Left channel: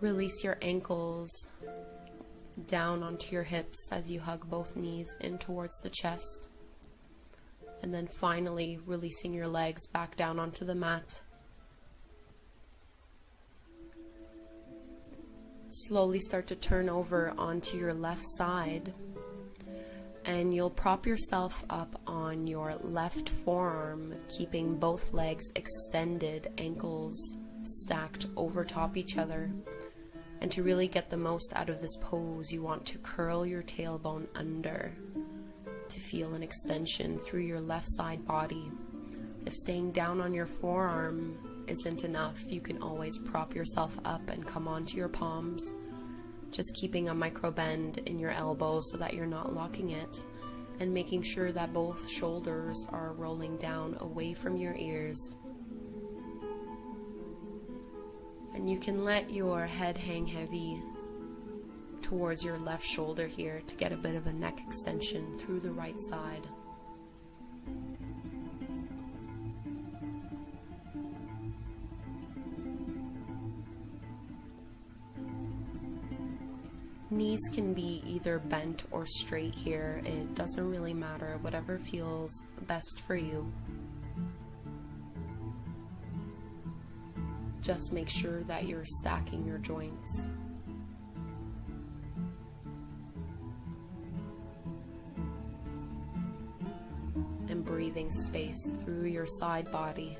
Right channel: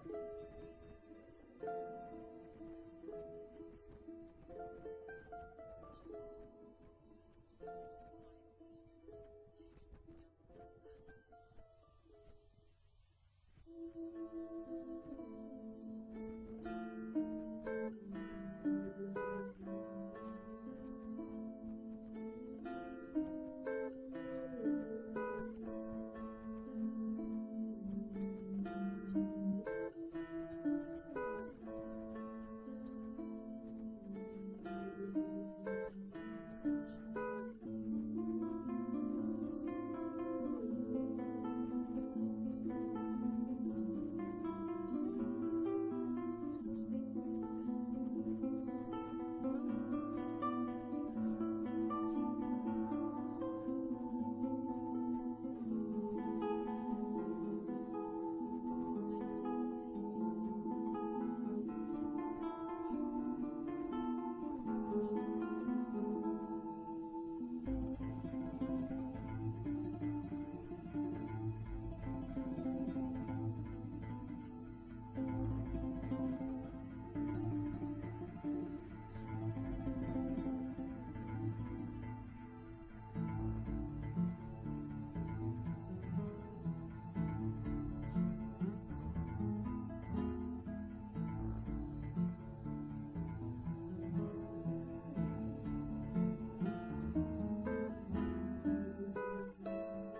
Release your ankles down onto your hips as you hug both knees in towards the chest. And then finally releasing your legs back down onto the mat. Slowly start to turn over onto your left side, and you'll prop yourself up on your left forearm, keeping both legs extended, ankles stacked over top each other. And to really get the most out of this pose, you want to curl your tailbone under to feel an extension through your left side body. If staying down on your forearm isn't enough, you can always prop yourself up and come onto your palms, just keeping a micro bend in your elbow so that you're not locking it, and making sure that both shoulders are rolling down away from your ears. And you can let your head hang heavy towards your left shoulder here to get a bit of a neck extension through the right side. Knees can be either bent or straight here. It doesn't really matter, whatever feels best for you. Just make sure that you're stacking your joints. And breathing space through your side body.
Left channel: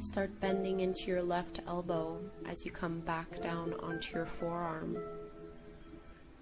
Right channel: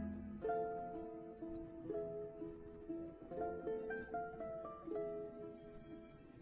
Start bending into your left elbow as you come back down onto your forearm.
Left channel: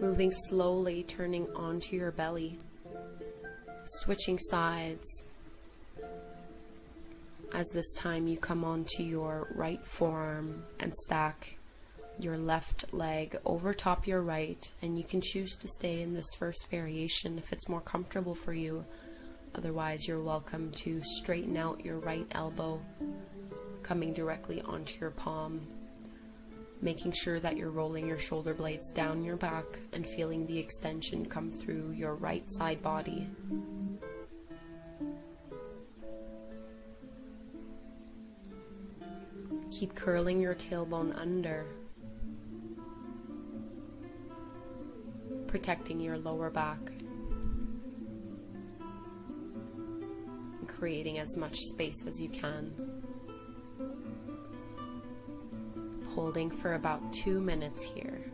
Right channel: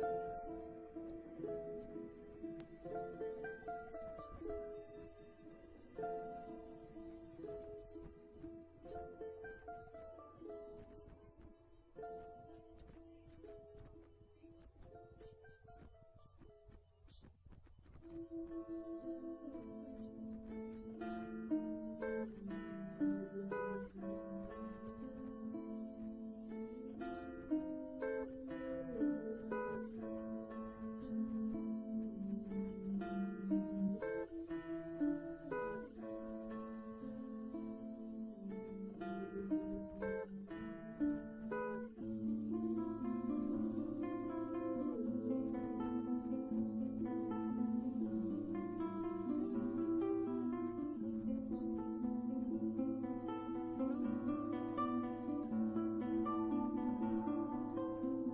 Moving slowly, turning onto your belly. Switching sides. As this time you come onto your right forearm and stack your left leg over top your right, and you can choose to stay in this first variation if it's more comfortable for you. Otherwise, you're welcome to straighten out your right elbow, coming directly onto your palm, making sure that you're rolling your shoulder blades down your back and feeling the extension come through your right side body. Keep curling your tailbone under, protecting your lower back, and creating as much space as you can. Holding for about 2 minutes here.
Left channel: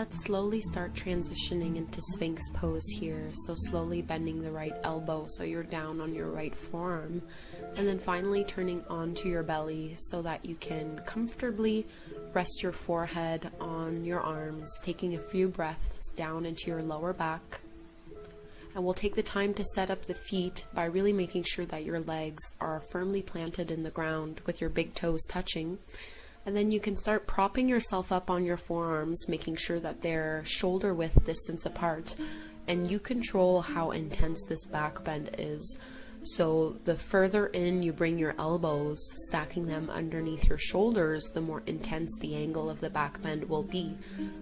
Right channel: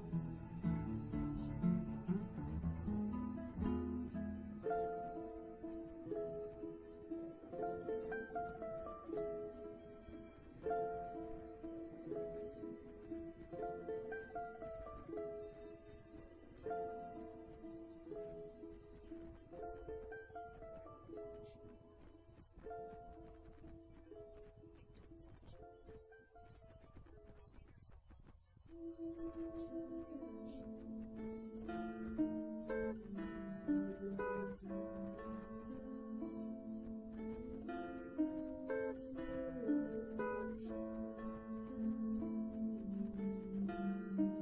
Let's slowly start transitioning into Sphinx pose here. So slowly bending the right elbow so you're down on your right forearm, and then finally turning onto your belly so that you can comfortably rest your forehead on your arms, taking a few breaths down into your lower back. And we'll take the time to set up the feet by really making sure that your legs are firmly planted in the ground with your big toes touching. And then you can start propping yourself up on your forearms, making sure that they're shoulder width distance apart. And you control how intense this back bend is. So the further in you bring your elbows, stacking them underneath your shoulders, the more intense the angle of the back bend will be.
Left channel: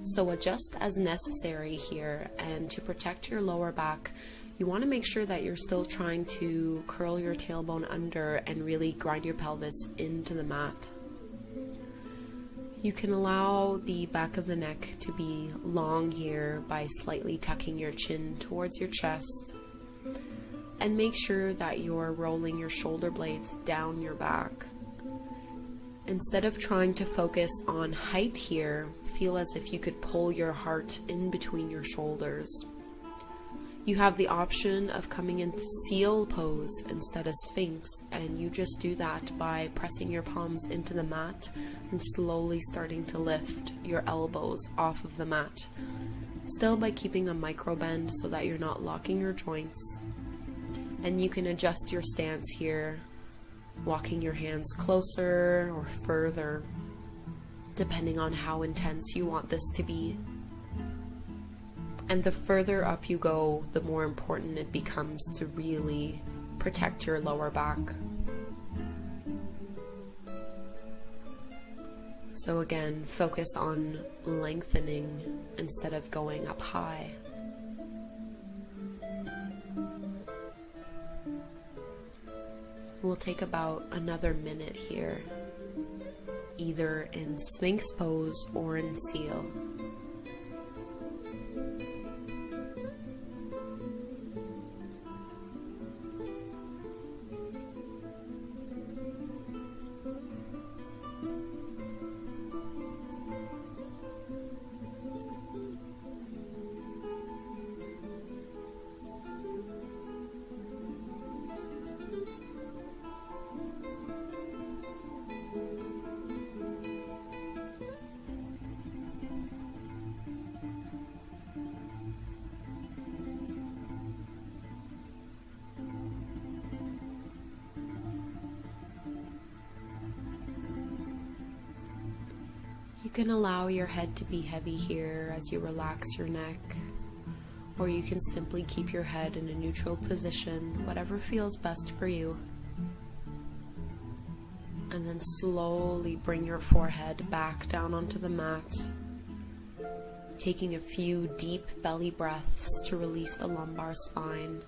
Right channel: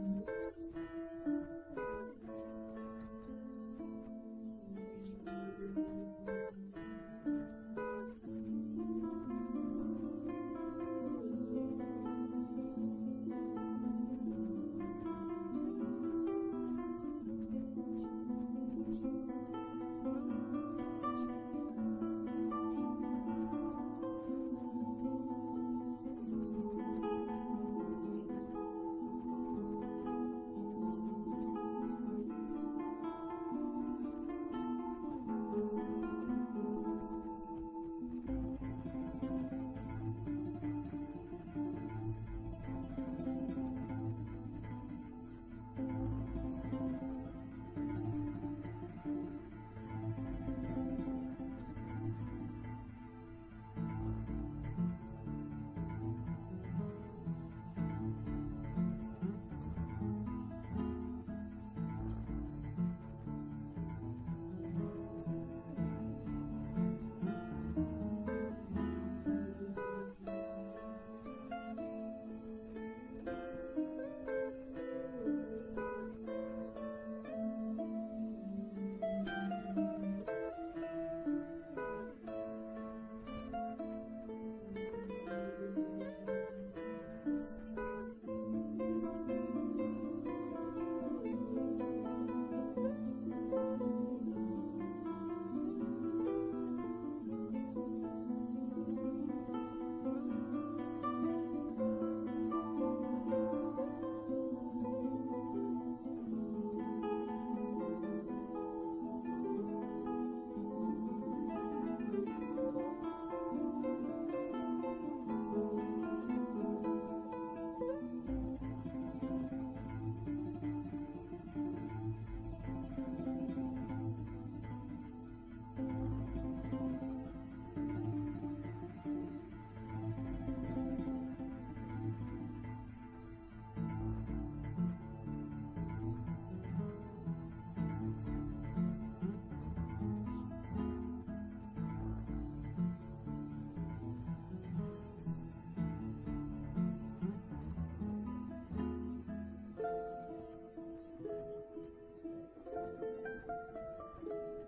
So adjust as necessary here. And to protect your lower back, you want to make sure that you're still trying to curl your tailbone under and really grind your pelvis into the mat. You can allow the back of the neck to be long here by slightly tucking your chin towards your chest, and make sure that you're rolling your shoulder blades down your back. Instead of trying to focus on height here, feel as if you could pull your heart in between your shoulders. You have the option of coming into seal pose instead of Sphinx, and you just do that by pressing your palms into the mat and slowly starting to lift your elbows off of the mat, still by keeping a micro bend so that you're not locking your joints. And you can adjust your stance here, walking your hands closer or further, depending on how intense you want this to be. And the further up you go, the more important it becomes to really protect your lower back. So again, focus on lengthening instead of going up high. We'll take about another minute here, either in Sphinx pose or in seal. You can allow your head to be heavy here as you relax your neck, or you can simply keep your head in a neutral position, whatever feels best for you. And then slowly bring your forehead back down onto the mat, taking a few deep belly breaths to release the lumbar spine.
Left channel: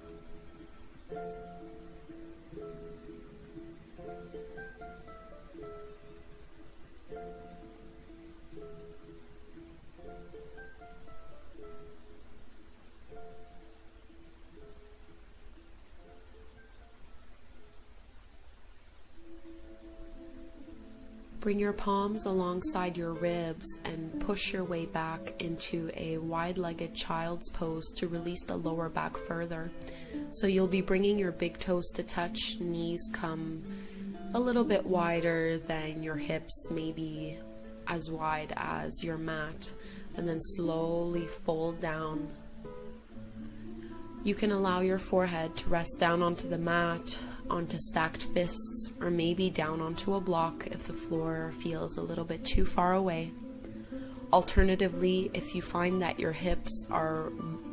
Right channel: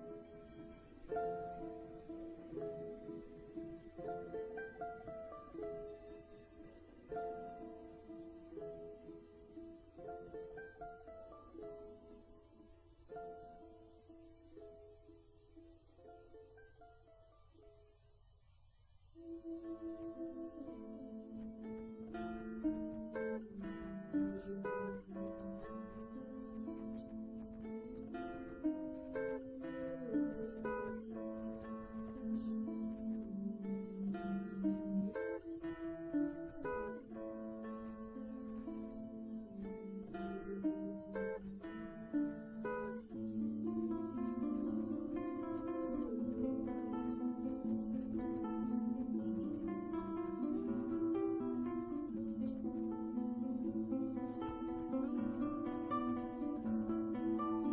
Bring your palms alongside your ribs and push your way back into a wide-legged child's pose to release the lower back further. So you'll be bringing your big toes to touch, knees come a little bit wider than your hips, maybe as wide as your mat, and then slowly fold down. You can allow your forehead to rest down onto the mat, onto stacked fists, or maybe down onto a block if the floor feels a little bit too far away. Alternatively, if you find that your hips are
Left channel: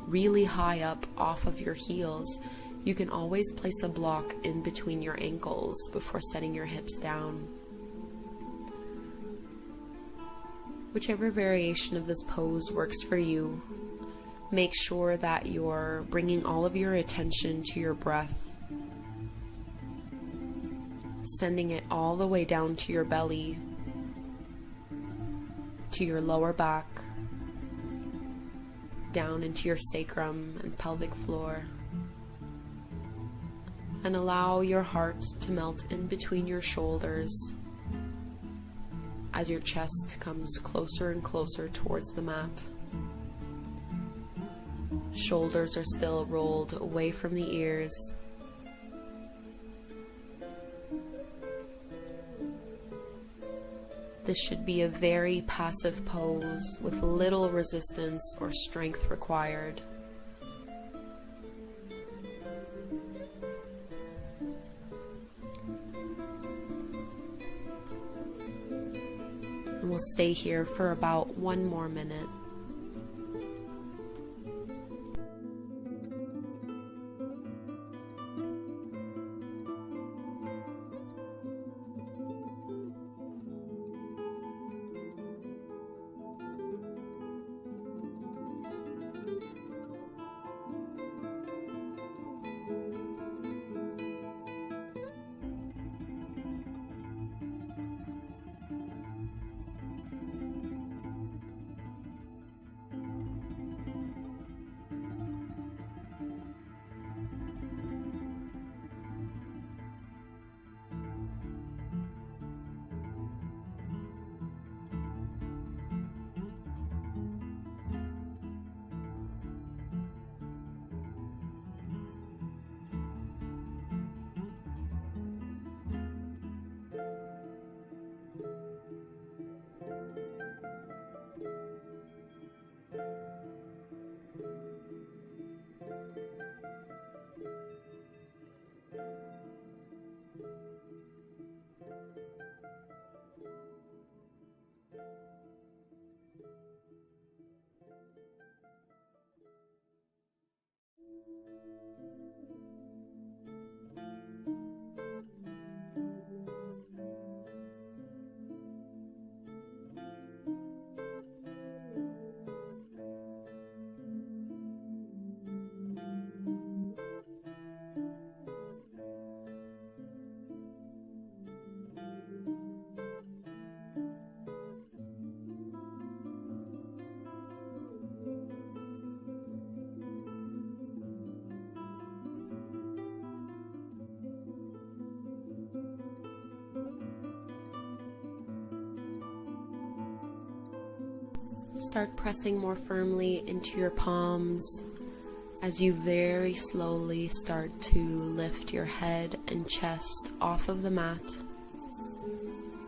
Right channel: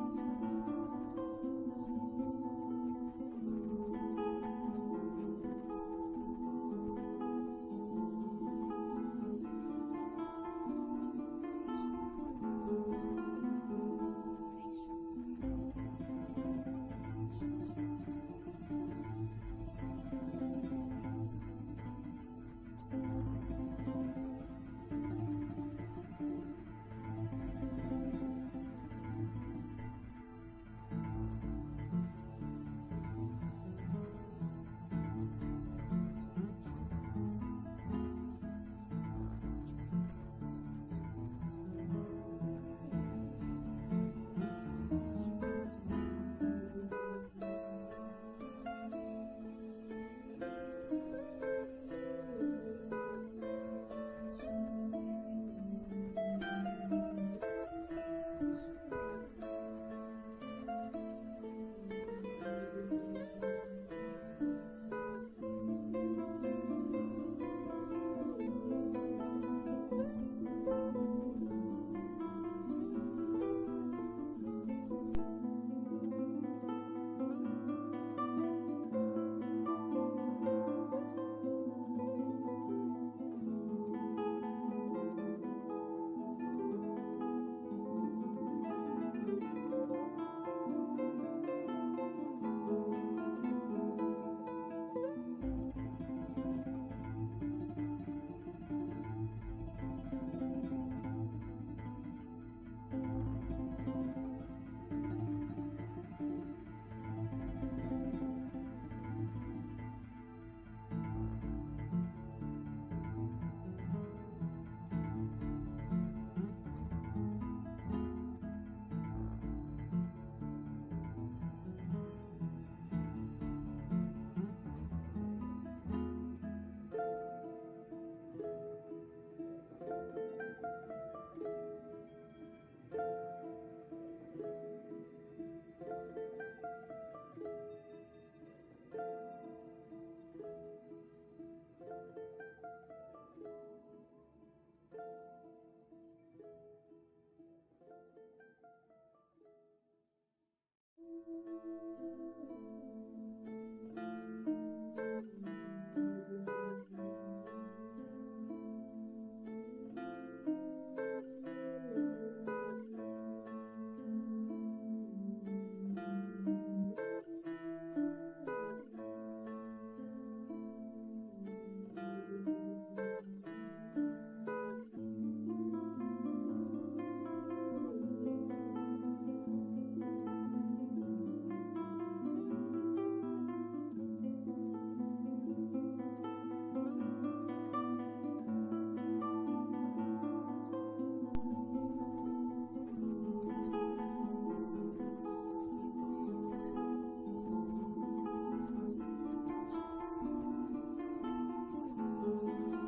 really high up off of your heels, you can always place a block in between your ankles before setting your hips down. Whichever variation of this pose works for you, make sure that you're bringing all of your attention to your breath, sending it all the way down to your belly, to your lower back, down into your sacrum and pelvic floor, and allow your heart to melt in between your shoulders as your chest comes closer and closer towards the mat. Shoulders are still rolled away from the ears. This should be a very passive pose with little resistance or strength required. And we'll stay here for about 1 more minute. Start pressing more firmly into your palms as you very slowly start to lift your head and chest off of the mat.